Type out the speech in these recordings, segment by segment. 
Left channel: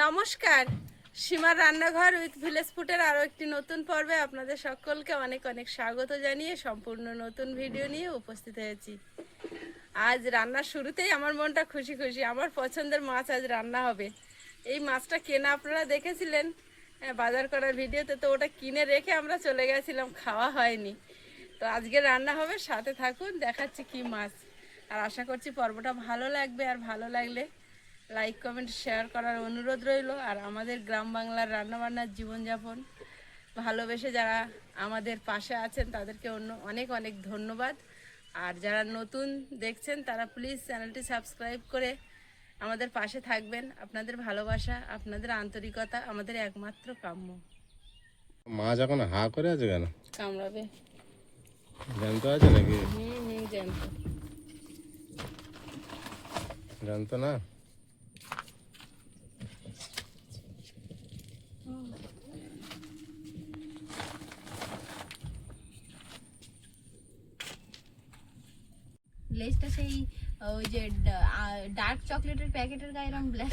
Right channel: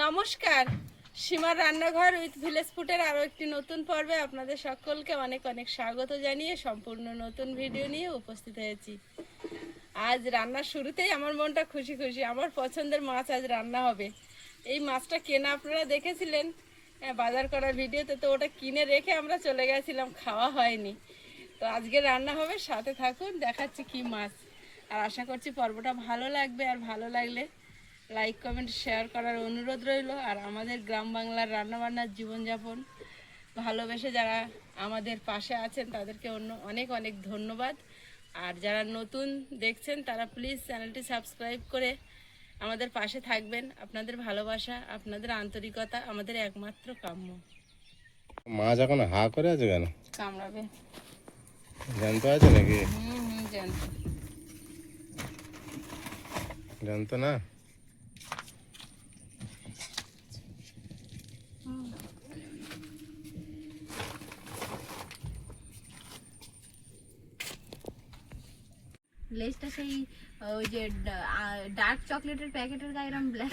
নমস্কার, সীমার রান্নাঘর উইথ ভিলেজ ফুডের আরও একটি নতুন পর্বে আপনাদের সকলকে অনেক অনেক স্বাগত জানিয়ে সম্পূর্ণ নতুন ভিডিও নিয়ে উপস্থিত হয়েছি। আজ রান্নার শুরুতেই আমার মনটা খুশি খুশি, আমার পছন্দের মাছ আজ রান্না হবে। এই মাছটা কেনা আপনারা দেখেছিলেন বাজার করার ভিডিওতে, তো ওটা কিনে রেখে আমরা চলে গেছিলাম, খাওয়া হয়নি। তো আজকে রান্না হবে, সাথে থাকুন, দেখাচ্ছি কি মাছ। আর আশা করছি পর্বটা ভালো লাগবে, আর ভালো লাগলে লাইক কমেন্ট শেয়ার করার অনুরোধ রইল। আর আমাদের গ্রাম বাংলার রান্নাবান্নার জীবনযাপন ভালোবেসে যারা আমাদের পাশে আছেন তাদেরকে অনেক অনেক ধন্যবাদ। আর যারা নতুন দেখছেন তারা প্লিজ চ্যানেলটি সাবস্ক্রাইব করে আমাদের পাশে থাকবেন। আপনাদের ভালোবাসা, আপনাদের আন্তরিকতা আমাদের একমাত্র কাম্য। মাছ এখন হা করে আছে কেন? কামড়াবে। জ্যান্ত আছে নাকি? জ্যান্ত। জ্যান্ত না? লেজটা সেই ওই যে ডার্ক চকলেটের প্যাকেটের গায়ে এরকম ব্ল্যাক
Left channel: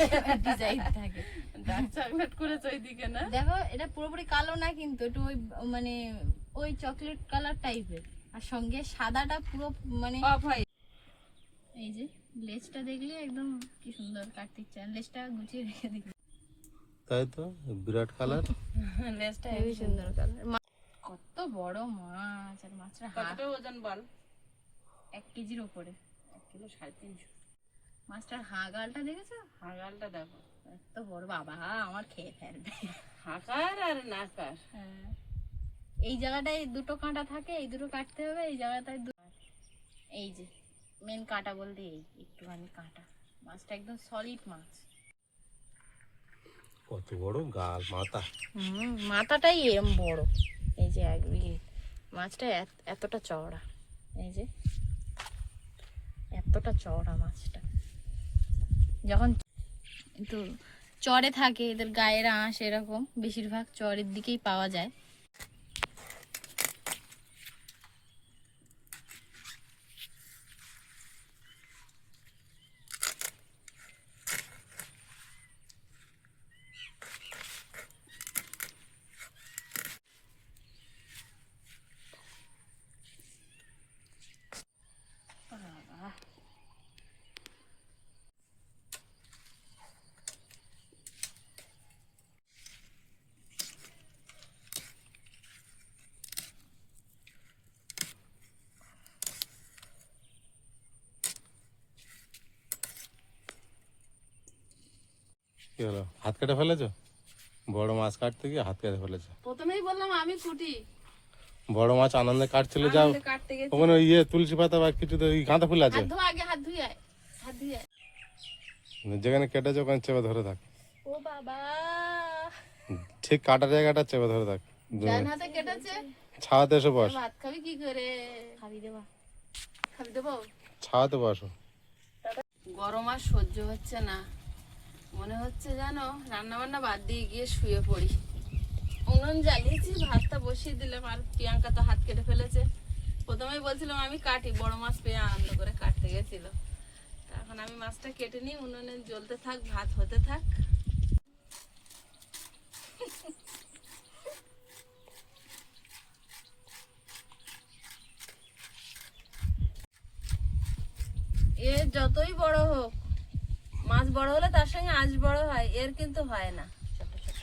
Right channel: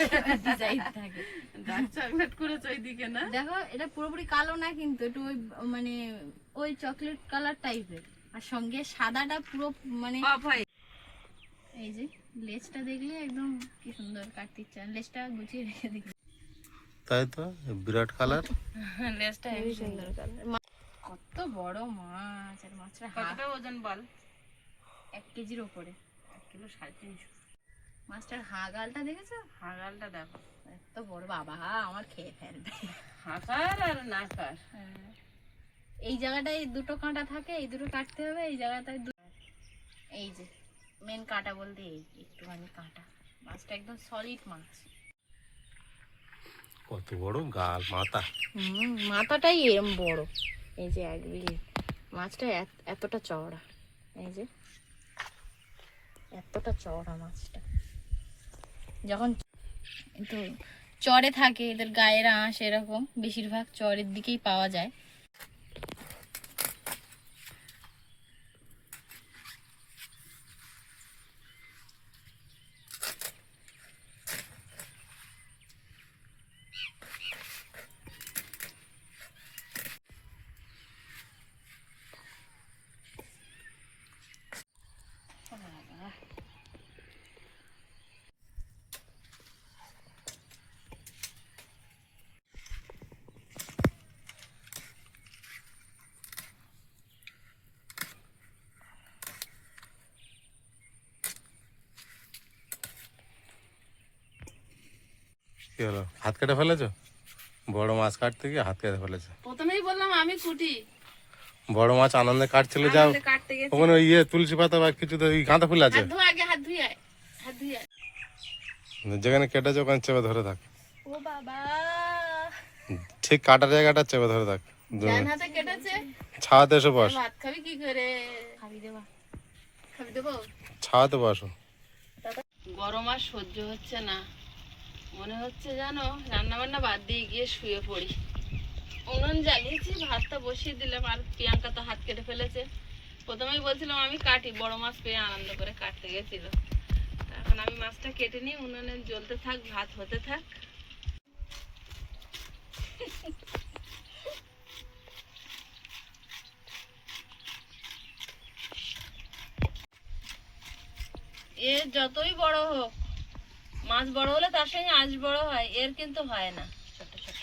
ডিজাইন থাকে। ডার্ক চকলেট করেছে ওইদিকে না? দেখো এটা পুরোপুরি কালো না, কিন্তু একটু ওই মানে ওই চকলেট কালার টাইপের, আর সঙ্গে সাদাটা পুরো মানে এই যে লেজটা দেখলে একদম কি সুন্দর, কাটতে ইচ্ছা, লেজটা গুছিয়ে রেখে দিই। তাই তো, বিরাট কালার। লেজটা হেবি সুন্দর কালার। কত বড় মাছ, আর মাছটা কতটা ওজন বল? 1 কেজির উপরে, 1 কিলো 350। মাছটার হাগালটা দেখেছো? হাগালটা দেখো, এত বড়, বাবা আমার খেয়ে ফেলবে। হাকার আর নাকার। এই জায়গাটায় দুটো কাঁটা থাকে, এই দুটো কাটতে হবে, এই জায়গাটায় এই যে মেন কাঁটা বলতে এই একটুখানি কাঁটা। মাছটা একদম সলিড মাছ। কত বড় গাল, মাথা। মাথাটাই এরম বড়। এই যে মাছটা এতটা চওড়া, এই যে এতটা চওড়া মাছটা। যখন একটু চরে থাকে, এদের গায়ের আঁশ এরকম বেশিরভাগ চরের দিকেই পাওয়া যায়। কি হলো, হাত কেটে ফেলেছো? বড় মাছ কাটতে গিয়ে হাত কেটে ফেলেছো। প্রথমেই বললাম আমি কুটি। বড় মাছ আনন্দে কাটছিলে, যাও কাটতে গেছি। ওখানে তুলসী পাতা বা কিছু তো গাঁদা ফুল আছে, হাত ধোয়া আগে, হাত ধুয়ে আয়, হাত ধুয়ে আয়। যেখানে কেটেছো ওখানে চেপে ধরে থাক। ও বাবা, ঠিক কাটার জায়গাটা চেপে ধরে থাক। ডান হাতে কেটেছে। ছাওয়াতে এসে বস। ভাত খাবি কি করে? খাবি দেবা? খাবি দেবো? ছাওয়াতে বসো। গরম আর সহ্য হচ্ছে না, মনে হচ্ছে জানো রান্না বান্না বাদ দিয়ে গিয়ে শুয়ে পড়ি। উনুন জ্বালিয়েছি, ভাতটা বসিয়ে দিলাম, আর প্রিয়াঙ্কা তো হাত কেটে ফেলেছে। প্রথমেই বলছিলাম আমি কাটি, বড় মাছ পেয়ে আনন্দ করে কাটতে গেছিল। এখন আমি মাছটা কেটে নিই, উনুনে জ্বলতে থাক, ভাত হতে থাক। এ যতই বড় হোক, মাছ বড় হলে তার সঙ্গে আঁশ বড় হয়, এর কিন্তু হয় না। ছোট ছোট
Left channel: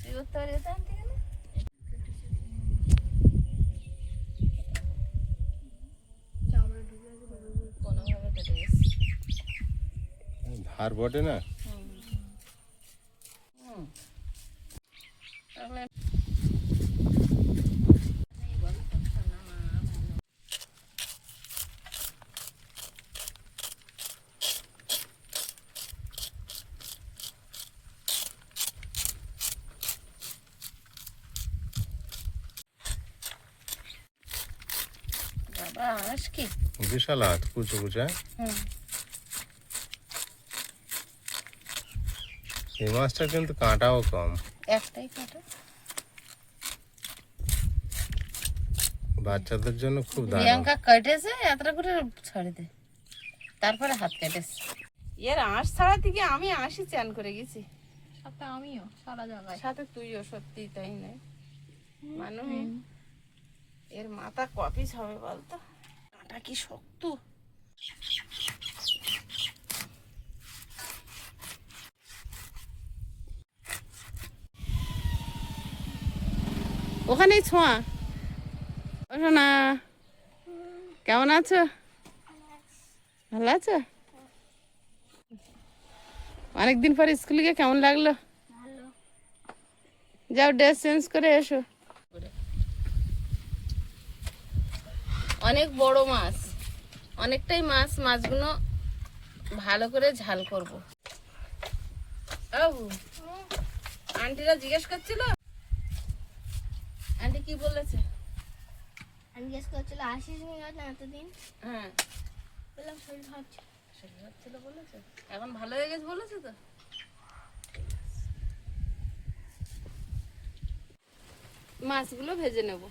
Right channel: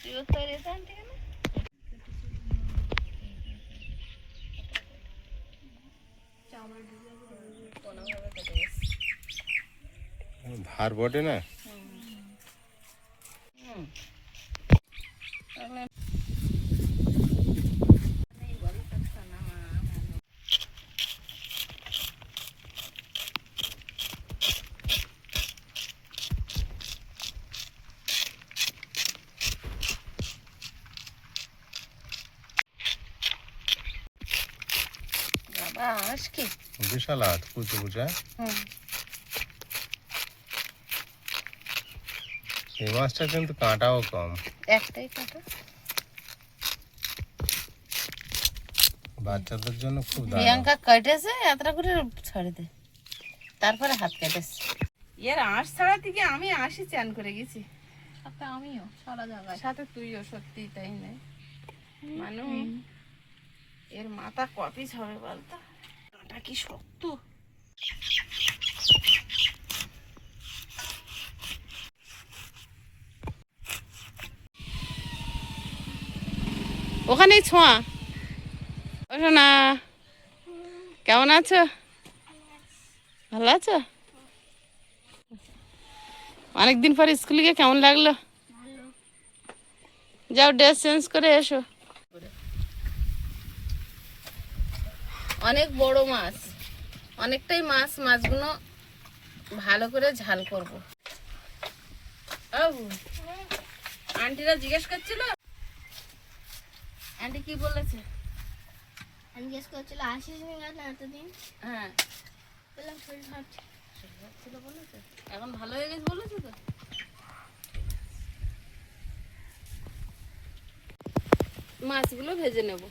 তুই তো রেতে আনতে গেলে কোনোভাবে কেটে গেছে। ধার বটে না? তাহলে বাবা আঁশ কি বিশাল হাত, কুচো কুচা। এই মাছটা কিন্তু কাঁটাও কম, একটাই কাটা। বাচ্চাদের জন্য খুব দারুণ। প্রিয়াঙ্কা কেটেছে এতটা করে ছড়ে দে, তারপরে হাত কেটেছে। এর আঁশ ছাড়া থেকে আমি আঁশই চ্যান করে গেছি, সাথে আমিও সারা জায়গায়। সাথে তুইও, সত্যি তাই নয় মানু? এর মাথা কপিস হবে বলতো, কাঁটা কি শক্ত। ওখানেই ছোঁয়া। ওঠো না, কেমন আছো? ভালো আছো? অনেকদিন পর স্কুলে গিয়ে কেমন লাগলো? যাও ড্রেস চেঞ্জ করে এসো। অনেক বড় মাছ, অনেকটাই মাছ। মাছগুলো ভালো করে ঝাল করব। আন্টিরা জিজ্ঞেস করছিল, আন্টি কি বলেছে? আমি জিজ্ঞেস করছিল আসিস নি কেন এতদিন? হ্যাঁ, বললাম শরীর খারাপ ছিল বলেছে, এখন ভালো হয়ে গেছে বলেছে তো। মাছগুলো ভেজে নেব।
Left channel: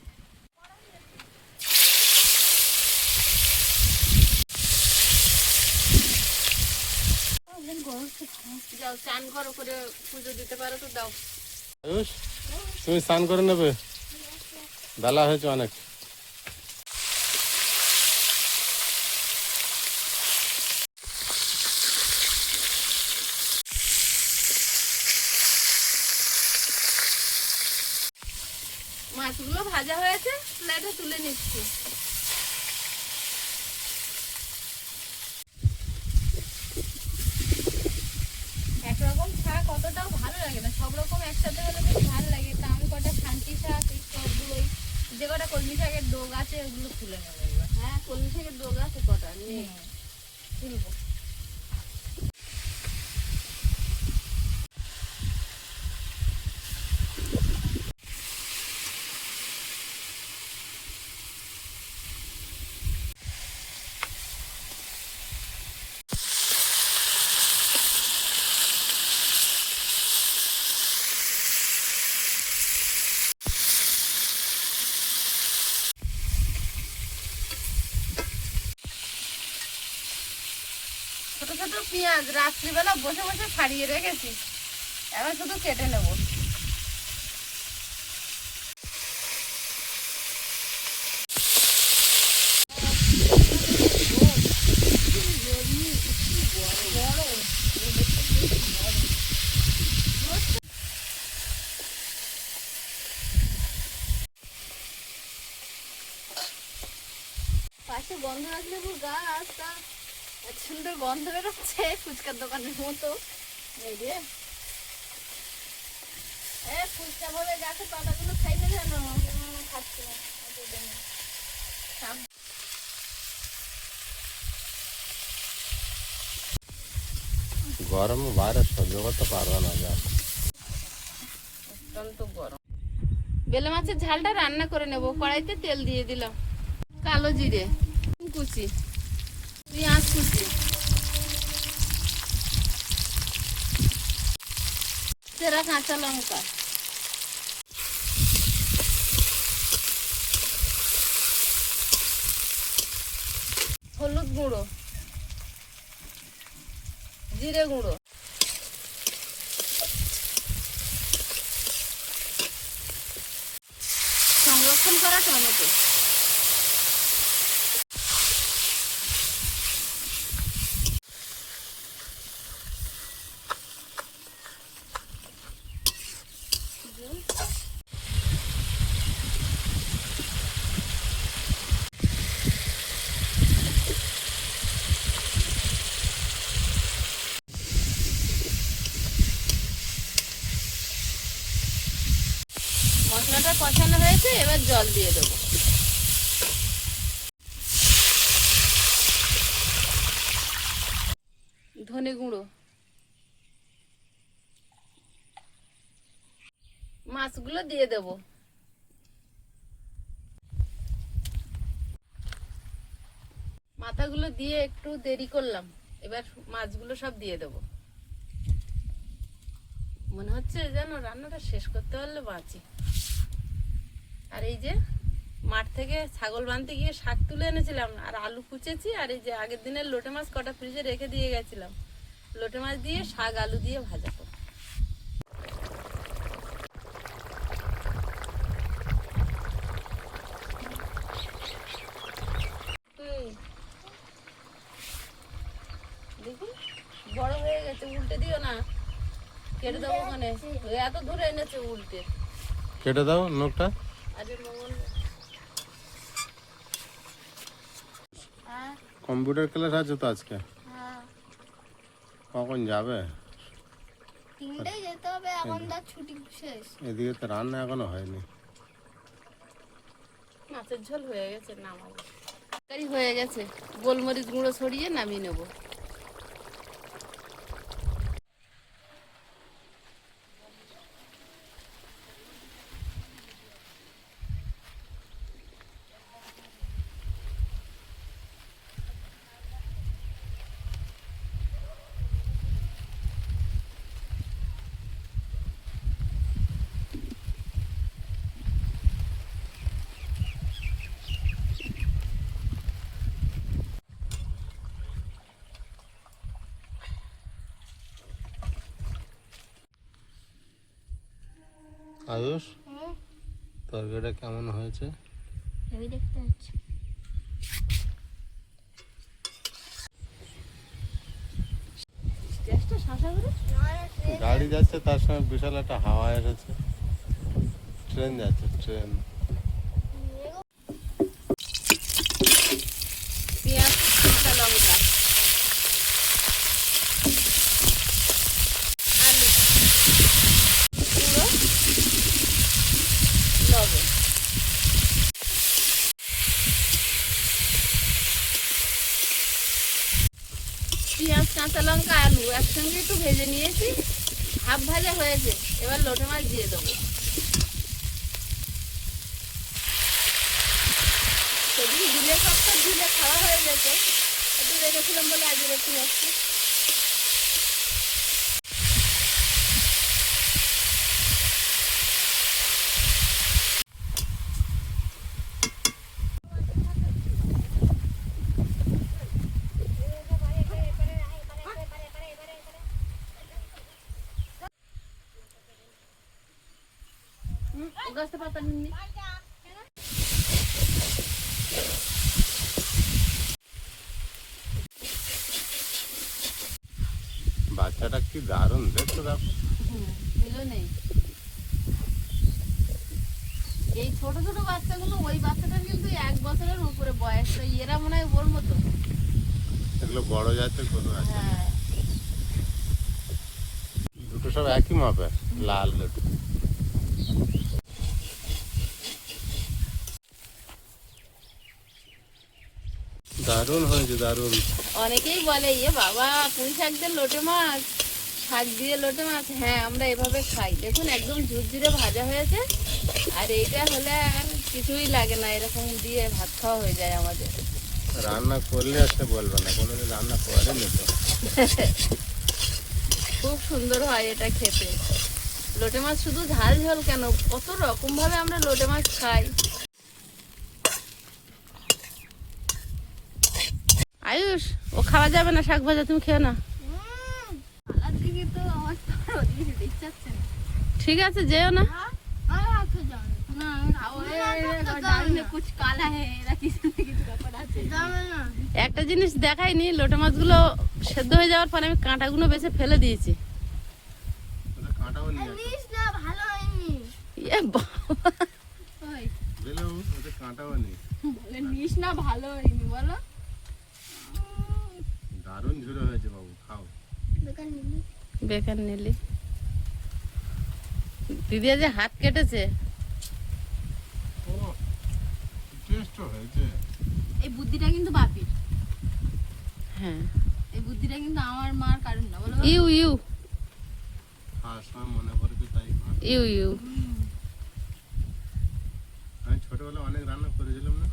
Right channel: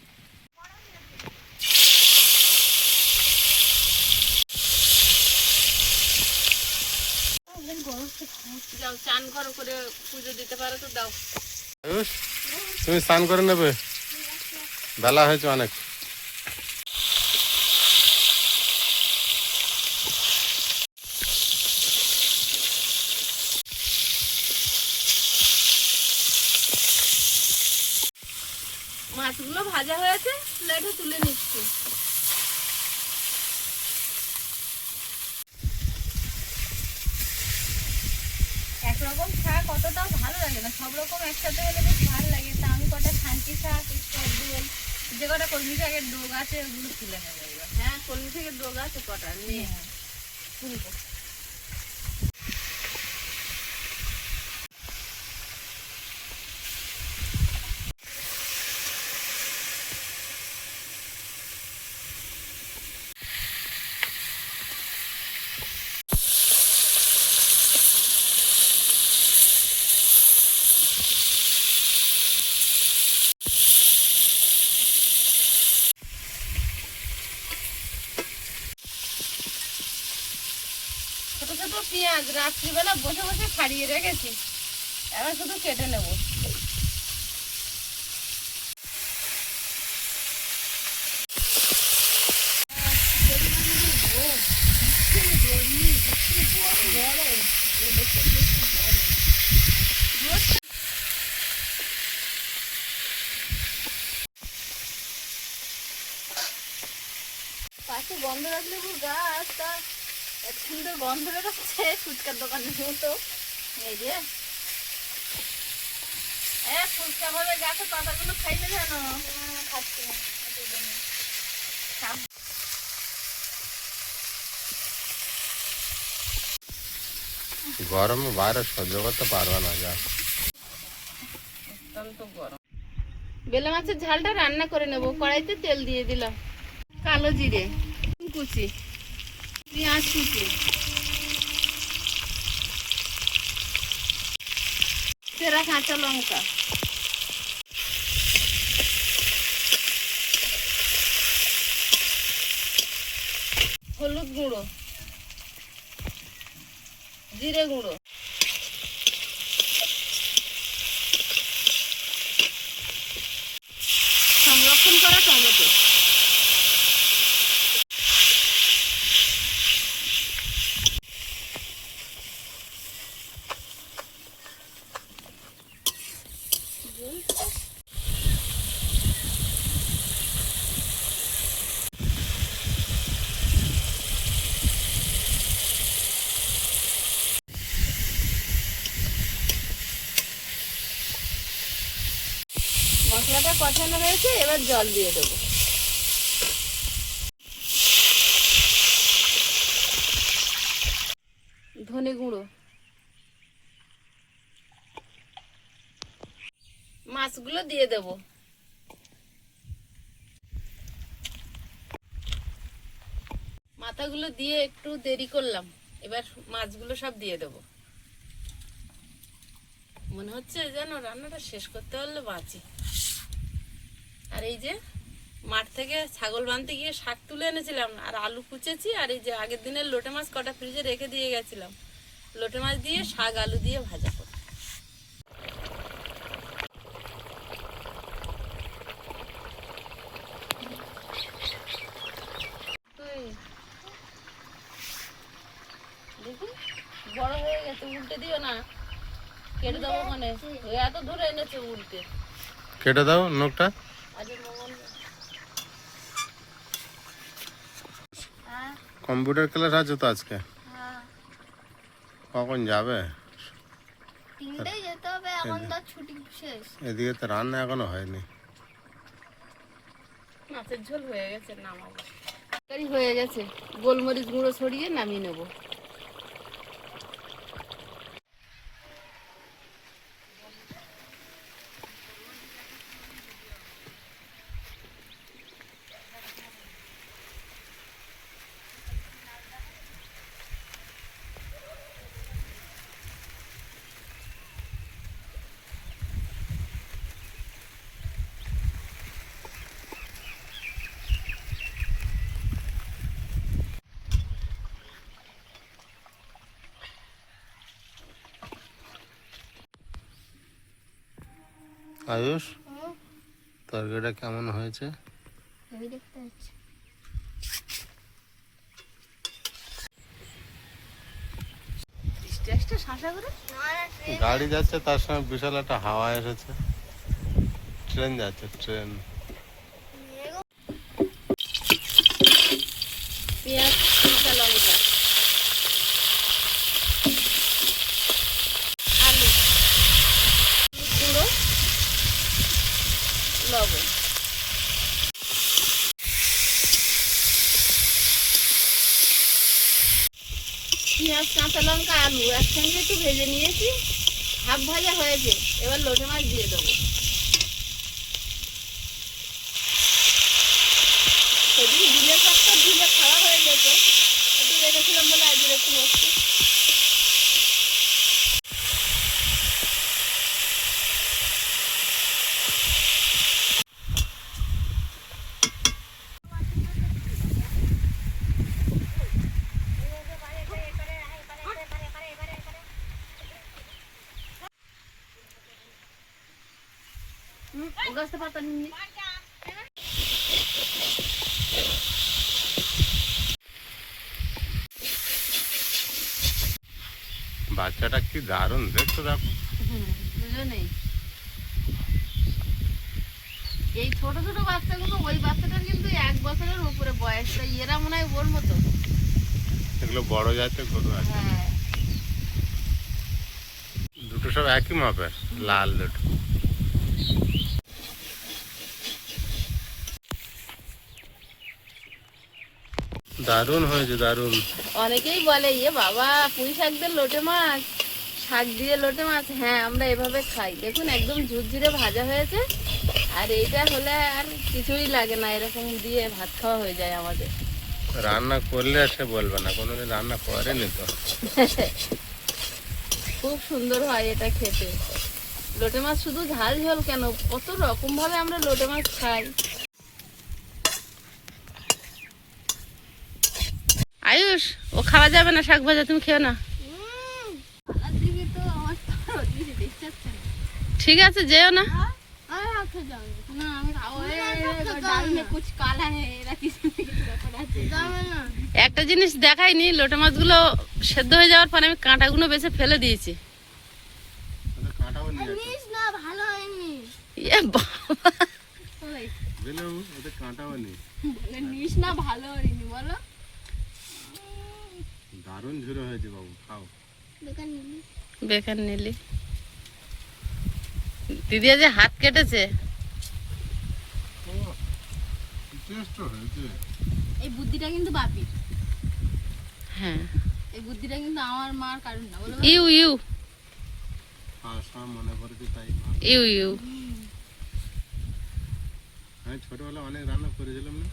যাও চান করো, করে পুজো দিতে পারো তো দাও। আয়ুষ, তুমি স্নান করে নেবে, বেলা হয়েছে অনেক। মাছগুলো ভাজা হয়েছে, প্লেটে তুলে নিচ্ছি। একরকম শাক অতটাও ভালো লাগে না, সব রকম একসাথে হলে বেশ ভালো লাগে। তা আমি কটা খান্তি শাক, একটু দোল, যে কটা কলমি শাকের ডোগ আছে ওগুলো তুলে নেবো এবার। হ্যাঁ, কলমি শাকের ডোগ আছে কটা, নিয়ে তুলবো। ছোট ছোট পেঁয়াজ রাত্রিবেলা বসে বসে ছাড়িয়ে রেখেছি, এবার শুধু কেটে নেব। পাশে গন্ধ রাখলে গাছ, তা এত সুন্দর গন্ধ বেরোচ্ছে ফুচকার দোকানের মতো। এই যে ফুচকা ভাবে গাছে পাতাগুলো খাইলে জানো। খাচ্ছি না। গরমে বাইরে সহ্য করতে পারবে না, যা অত্যন্ত গরম। বেলে মাছের ঝালটা রান্না করে নেব। কড়াইতে তেল দিয়ে দিলাম, কালো জিরে কুচি, পেঁয়াজ কুচি, চেরা কাঁচা লঙ্কা, হলুদ গুঁড়ো, জিরে গুঁড়ো, সংরক্ষণ করা টমেটো, মশলাটা কষানো হয়েছে, এবার জল দিয়ে দেবো। ধনে গুঁড়ো, মাছগুলো দিয়ে দেব। মাথাগুলো দিয়ে একটু দেরি করলাম, এবার মাছগুলো সব দিয়ে দেব। মনে হচ্ছে যেন রান্নাটা শেষ করতে পারলে বাঁচি। আর এই যে মাঠ থেকে ছাগল বাঁধতে গিয়ে শাক তুলে এনেছিলাম, আর আলু কুচেছি, আর এই যে আগের দিনের লোটে মাছ কটা ফ্রিজে রেখে দিয়ে গেছিলাম, লোটে মাছ দিয়ে শাক আলু দিয়ে ভাজা করব। দেখুন বড় হয়ে গেছে, উল্টে দিও না, কেটে দেবো ওখানে। এত দূরে এনেছে উল্টে। কেটে দাও নখটা। আরে মঙ্গল কম্পিউটার ক্লাস আছে তো আজকে, কখন যাবে? 3টায় যেতে হবে, এখন তো ছুটি শেষ। এদিকে তো রান্না এখনো হয়নি। মাছের ঝোল হয়ে গেছে, নামাবো। তরকারি হয়ে গেছে, গোলমরিচ গুঁড়ো ছড়িয়ে নামিয়ে নেবো। আয়ুষ, তরকারিটা কেমন হয়েছে? ভেবে দেখতে হচ্ছে। গাড়ি যাচ্ছে, তার সঙ্গে বিশাল একটা হাওয়া এসেছে। ট্রেন যাচ্ছে, ট্রেন। পেঁয়াজ, কাঁচা লঙ্কা, আলু, গুঁড়ো, লবণ। পেঁয়াজ, কাঁচা লঙ্কা, আলু একসঙ্গে একটু ভেজে নিয়েছি, হাফ ভাজা হয়েছে। এবার লোটে মাছ দিয়ে দেবো। সেদিন দিলে সবটা দিলে খাওয়া হয়ে যেত, একটু রেখেছিলাম বলে আজকে রেখে যাচ্ছি। গাছটা পাতা নিয়ে বাচ্চাটা কি দারুণ দেখতে, দেখো। বুঝলো নেই, এই ছোট ছোট বাচ্চাগুলো, ওই বাচ্চাটা কিন্তু 1 বছরের উপরে বয়স, তো এরা মনে হয় ওর মতো। এগুলো বড় জাতের গরু আছে, হ্যাঁ, দুটো সব একই মাপের, লাল দুটো। দারুণ হয়েছে, দারুণ। অনেকেই বলে বাবা পুঁই শাক দিয়ে লোটে মাছ, শাক দিয়ে লোটে মাছ। হ্যাঁ, আমরা এভাবে খাই। দেখুন একদম ঝুরঝুরে ভাজা হয়েছে, আর এইটা হলে আর কিছুই লাগে না, এরকম দিয়ে ভাত খাওয়া হয়ে যায় আমাদের। রান্না করলে আর সে বলবে না, কোনোদিন রান্না করেনি তো। খুব সুন্দর হয় এটা খেতে। লোটে মাছ শুধু ঝাল ঝোল কেন, কত রকম ভাবে আমরা লোটে মাছ খাই। আয়ুষ, ও খাওয়া যাবে না শাক ভাজা, তুমি খেও না। ঠিক আছে, যেও না। একটা জিনিস দেখাইনি, লোটে মাছগুলো সেদ্ধ হয়ে যাওয়ার পরে আমি কাঁটাগুলো বেছে ফেলে দিয়েছি। এ বাবা, দারুণ ঝুরে হয়েছে বাবু, খাও। বেকার নিলি। দিদি যে হাত কেটেছে। এই বুদ্ধিটা কিন্তু বাপির, হ্যাঁ, এই বুদ্ধিটা কিন্তু আমার মার কারণ না, বলো। ইউ ইউ মনে পড়েছে তাই। You you. আমি ছোটবেলা অনেক রান্না করেছিলাম না।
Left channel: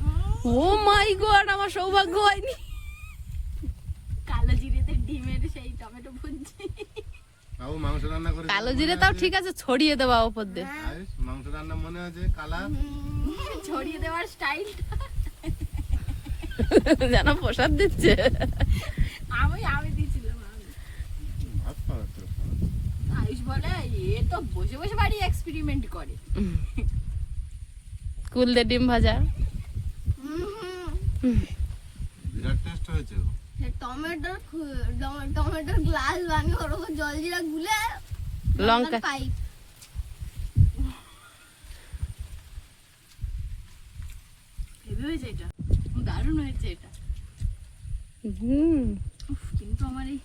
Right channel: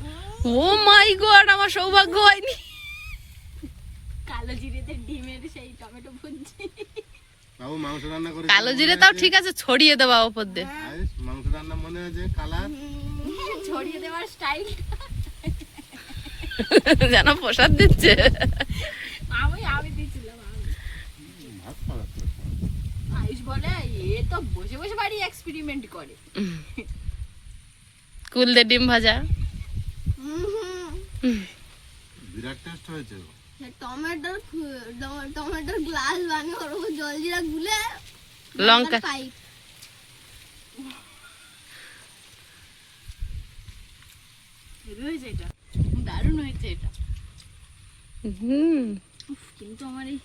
ও মাই গড, আমার সৌভাগ্য হয়নি। কালো জিরেতে ডিমের সেই টমেটো ভুজি। বাবু মাংস রান্না করে, কালো জিরে তাও ঠিক আছে, ছড়িয়ে দেওয়া ওপর দিয়ে। মাংস রান্না মনে আছে, কালার ছড়িয়ে দেওয়ার স্টাইল যেন প্রসাদ দিচ্ছে। আমি দিয়েছিলাম। এ তো বসে বসে বাড়ি এক্সপেরিমেন্ট করে। কুল দিয়ে ডিম ভাজা। বিরাট টেস্ট হয়েছে গো। টমেটোর গ্লাস বানিয়ে ওর উপর জলজিরা গুলে লঙ্কা পাইপ হেভি হয়েছে এটা, দারুণ হয়েছে এটা। হুম, উফ, কিন্তু আমার এই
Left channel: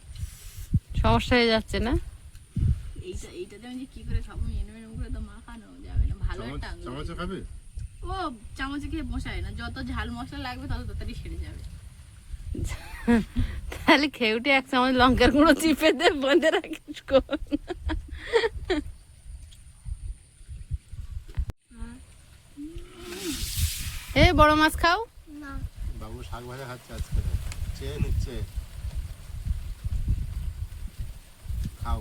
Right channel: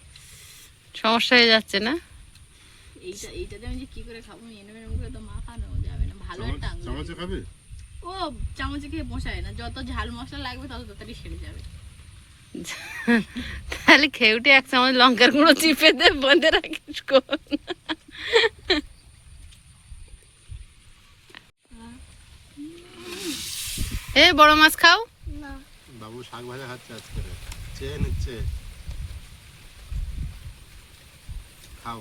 সমস্যা হয়ে যাচ্ছে না? এইটাতে আমি যে কি করে খাবো, এরম এরম করে তো মাখানো যাবে না। ভালো একটা আঙুল। চামচে খাবে? ও চামচে খেয়ে বসায় না, যত ঝাল মশলা লাগবে তত তাড়াতাড়ি সেরে যাবে। তাহলে খেয়ে উঠে 1 চামচ লঙ্কার গুঁড়ো চিপে দে, বন্ধে রাখিস কোন। এ বড় মাছ খাও। না বাবু শাক ভাজা খাচ্ছে আজকে, চেয়ে নিচ্ছে। খাও,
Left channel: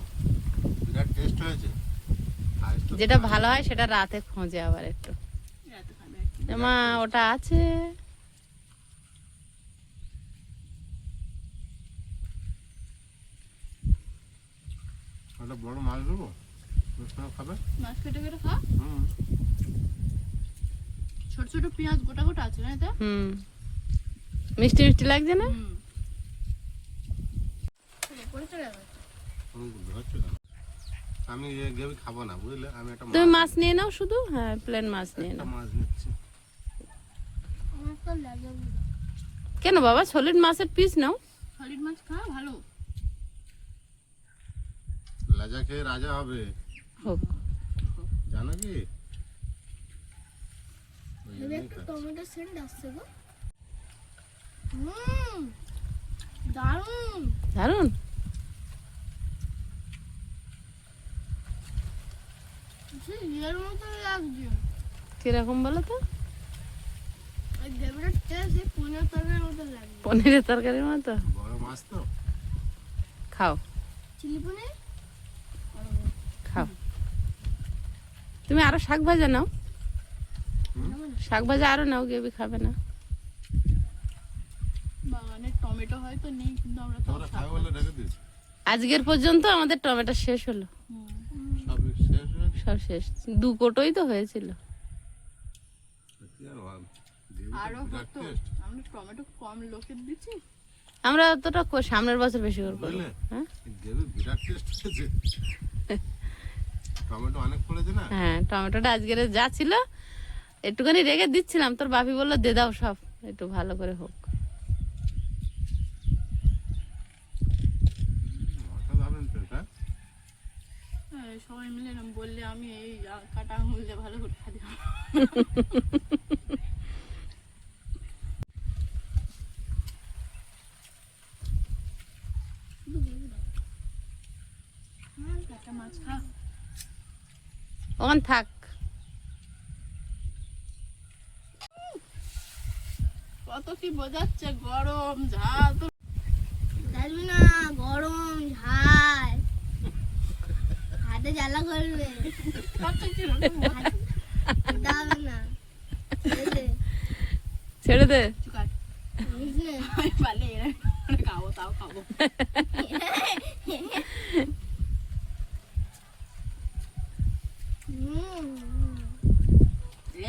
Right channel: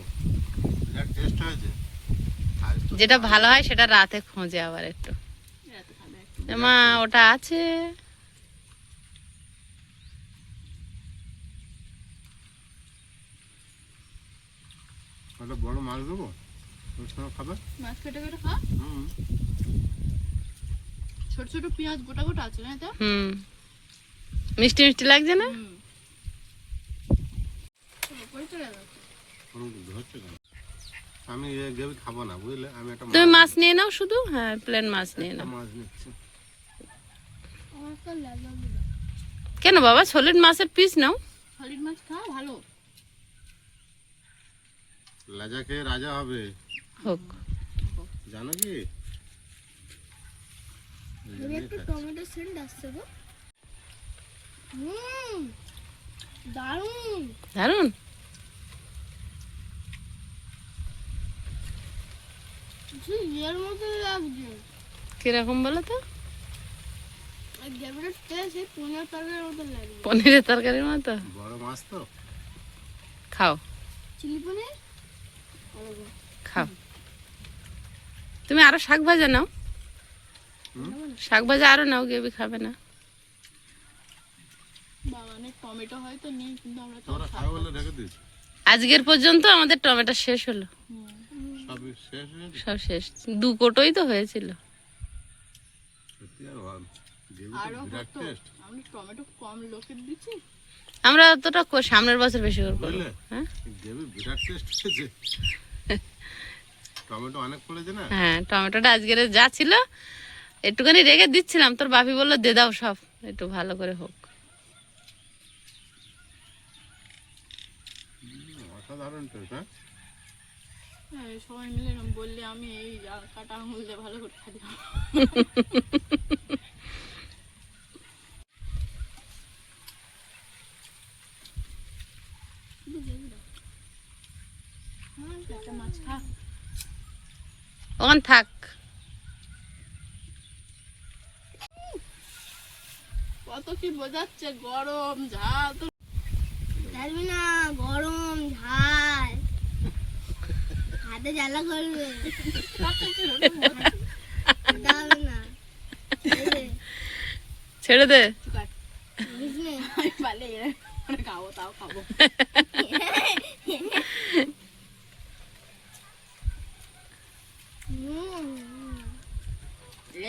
বিরাট টেস্ট হয়েছে। যেটা ভালো হয় সেটা রাতে খোঁজে আবার একটু। রাতে খাবে একটু। এ মা ওটা আছে। একটা বড় মাছ দেবো, ওর সঙ্গে খাবে? মাছ কেটে কেটে খা। হুম। ছোট ছোট পেঁয়াজ গোটা গোটা আছে না এতে? হুম, মিষ্টি মিষ্টি লাগছে না? হুম। উপরে চলে গেছে। ধরছে না। আমি গেবি খাবো না, বুঝলে? আমি একটা তুমি মাছ নিয়ে নাও শুধু। হ্যাঁ, প্লেন মাছ নিয়ে নাও। মাছ নিচ্ছি। আমার তো লাগে কেন বাবা, সলিড মাছের পিস নাও। সলিড মাছ খা, ভালো। লাজা খেয়ে রাজা হবে, হোক। জানো কি? ওই জন্যই একটা খাচ্ছি। টমেটো সেন্ট আসছে গো। দারুণ দারুন। ইয়ের মতো লাগছে। কিরকম বলো তো? ওই গ্রেভিটার টেস্ট এই পনির তরকারির মতো লাগছে। পনিরের তরকারির মতো। বড় মাছ তো। খাও চিলি পনির খাও। তুমি আরো শাক ভাজা নাও। শাক ভাজা আরো নাও, গেবি খাবে না। বাগানে টমেটো হয়তো নেই, কিন্তু আমরা তো তোরা খাবে বলে রেখে দিস। আজকের পর্যন্ত আমাদের টমেটো শেষ হলো। সবই শেষ হয়ে গেছে। সব শেষ। 2 কোটোই তো হয়েছিল। সত্যি আর ভালো। গেবি আরো তো বিরাট হতো, টেস্ট, আমরা টমেটো কম লোকের দিচ্ছি। আমরা অতটা সামনের বছর বেশি করে করবো। বুঝলে? হ্যাঁ গেবি বিরাট টেস্ট হয়েছে। টমেটো অনেক পড়েছে না? হ্যাঁ, টমেটোটা আজকের যা ছিল একটুখানি রেখে দিচ্ছিলাম, তোর বাপি বললো দে দাও সব, একটু ভালো করে হোক। অসাধারণ টেস্ট। হ্যাঁ, হ্যাঁ, সবাই মিলে এরম বললে আমি এই কাটা আঙুল দিয়ে ভালো করে খাই। একটা মাছ খা। ওখান থাক। কত কি বোঝাচ্ছে, গরম ঝাল তো। জানবি না গরম ঝাল হাতে জ্বালা করবে দাও না এই যে, ছেড়ে দে। বুঝলে? আমি পারলে খাবো, তাও খাবো।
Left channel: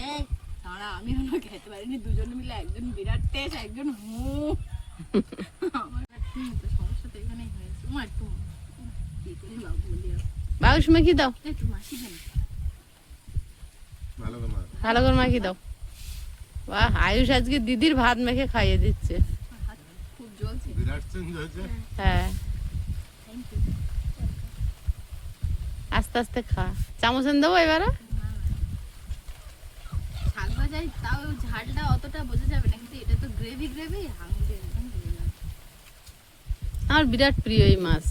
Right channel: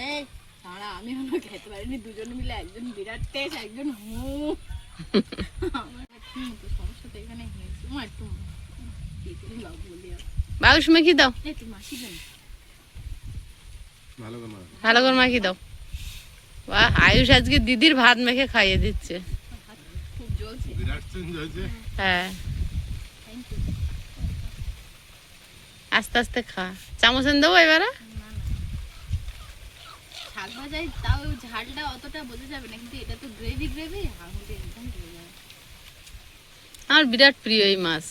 এই দাঁড়া, আমি হলো খেতে পারিনি, দুজন মিলে একজন বিরাট টেস্ট, একজন আমার তো সমস্যা তো এখানে হয়েছে। মা একটু বাবু বলি বাবুর সময় কি দাও, একটু মাসি দেন। ভালো করে মাছ। ভালো করে মাখি দাও। বাহ, আয়ুষ আজকে দিদির ভাত মেখে খাইয়ে দিচ্ছে। খুব জ্বলছে। বিরাট চেঞ্জ হয়েছে। হ্যাঁ, থ্যাংক ইউ। আস্তে আস্তে খা। চামচ এনে দেবো এবারে? শাক ভাজায় তাও ঝালটা অতটা বোঝা যাবে না, কিন্তু এটা তো গ্রেভি গ্রেভি, আঙুলে একদম ঢুকে যাবে। আমার বিরাট প্রিয় এই মাছ,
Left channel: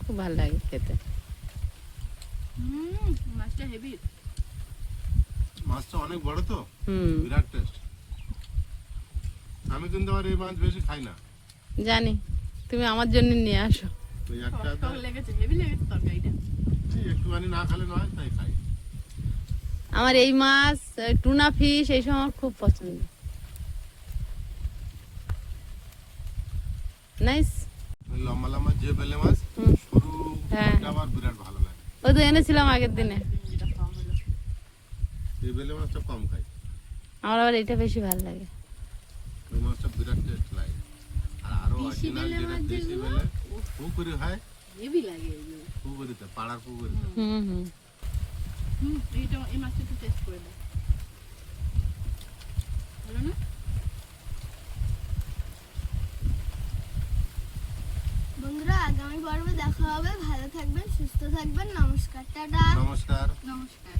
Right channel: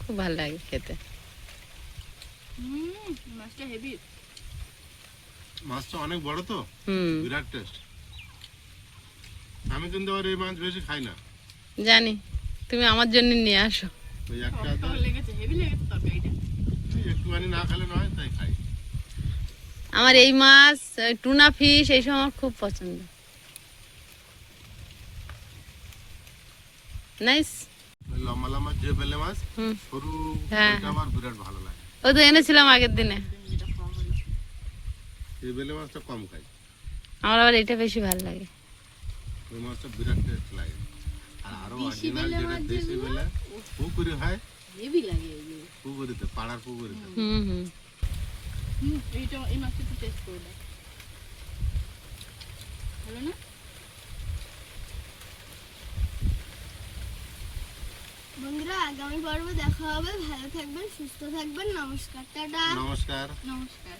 খুব ভালো লাগে খেতে। মাছটা হেভি। মাছটা অনেক বড় তো, হুম, বিরাট টেস্ট। আমি কিন্তু আবার এই মাছ বেশি খাই না। জানি, তুমি আমার জন্য নিয়ে আসো। ওই একটা টক লেগেছে, হেভি লেগেছে তরকারিটা। একটুখানি না খেলে নয়, তাই খাই। আমার এই মাছ, টুনা ফিশ এইসব আমার খুব পছন্দ। নাইস। ওই লম্বা লম্বা যে বেলে মাছ, হুম, সরু হ্যাঁ। ওটা আমার বিরাট ভালো লাগে। ও তো এনেছিলাম আগের দিনে। যেটা খাওয়া হলো। এই বেলে মাছটা কম খাই, আমার আবার এটা বেশি ভালো লাগে। ওই মাছটা বিরাট টেস্ট লাগে। আর আরো অরিজিনাল যেটা দেশি বেলে পুকুরে হয়, হেভি লাগে এগুলো। পুকুরিতে, পাড়ার পুকুরিতে। হুম হুম। এইটা এই মাছটা একটু টেস্ট করে দাও, ভালো না? বন্ধুরা আগামী পর্বে দেখা হবে, ভালো থাকবেন, সুস্থ থাকবেন, নমস্কার, টাটা। নমস্কার। নমস্কার।